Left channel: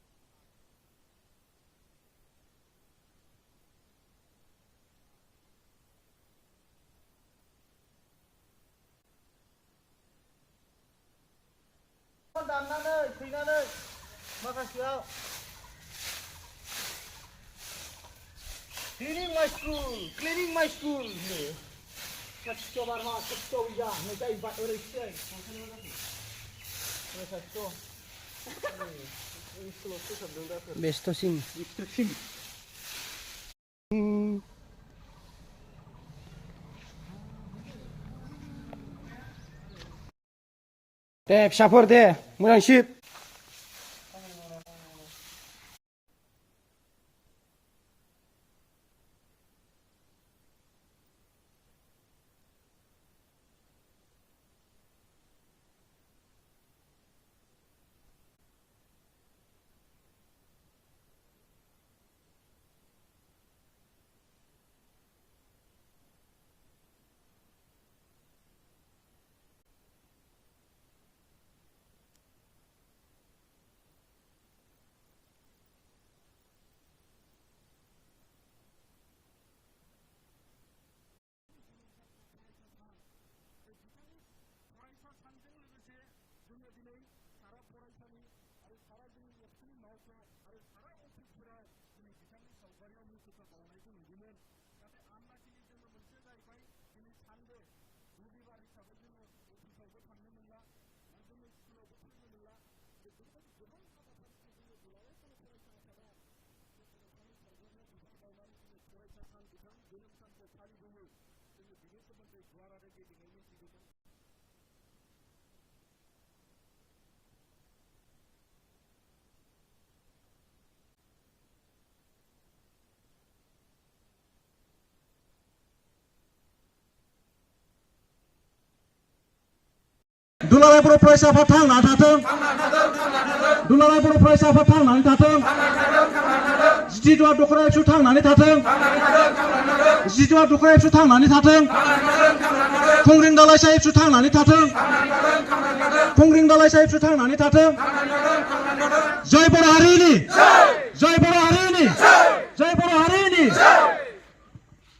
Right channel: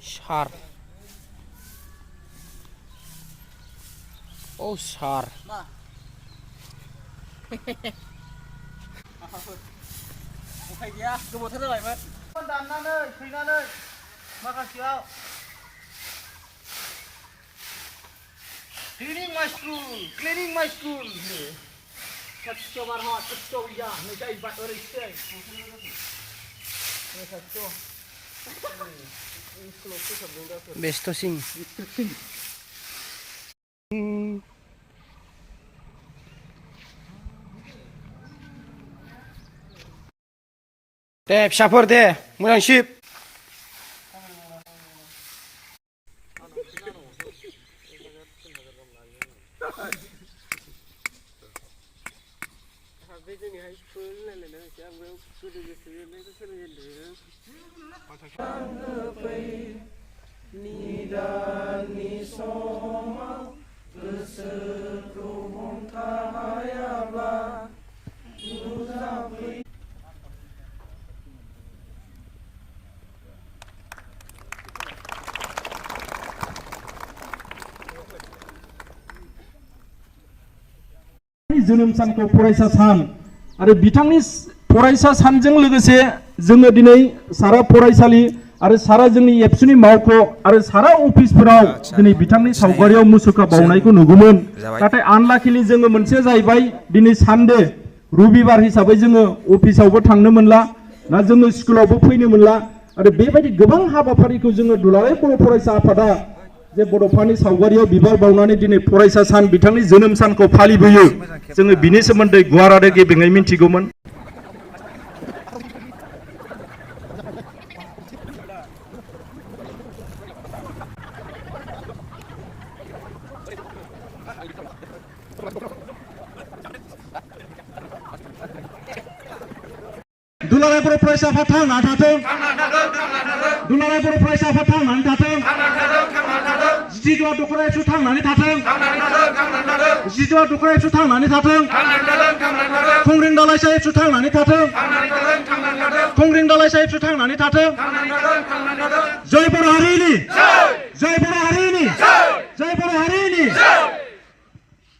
Sar. Oh sar. Thầy kia, cứ một thất rồi mất. Con đàn nan ơi, khỉ nan ơi, mà cả kiểu. Cleaning my school. Cắt cho bạn họ, cắt cho ya, người ta bắt ở đây chơi. Người ta cho. Best sing. Deh, syafur deh, mulai ship. जोनोम सानखौ फरायसा सान आरो बिथांनि फरायसा सानजों लोगोसे जोङो दिनै सारा फरायसालि आरो सारा जोंनि एबसुनि मावख' आरो सारा अफिसफोराव दिनै बिथांनि सावगारियाव मुसुखा बावनायखौ नुगौमोन नाथाय आनलाकिलि जोङो मोनसे जाहैबाय दिनै सानडे रबिबार हिसाबै जोङो अफिसावबो थांनो मोनला ना जोङो स्कुलावबो फैनो मोनला आरो बेबायदि गोबां हाबाफारिखौ जोङो दुलाराय बर' फरायसा आफादा जे बड'फानि सावगारियाव बिबार बावनानै दिनै फरायसा सान बिथांनि जोनोम सानखौ फालिबोयो जोङो बिनि सोमोन्दै गुवार आरो गेबेङै मिन्थिगौमोन। दुलाराय बर' फरायसा आफाद थांनानै थाथों दुलाराय बर' फरायसा आफाद थांनानै थाथों जिदुआ दख'रा एबसु थांनानै थाथों जिदुआ दख'रा एबसु थांनानै थाथों खुंग्रिं दालाइसा एबसु थांनानै थाथों खुंग्रिं दालाइसा एबसु थांनानै थाथों जय बर' हारिनि जय बर' हारिनि जय बर' हारिनि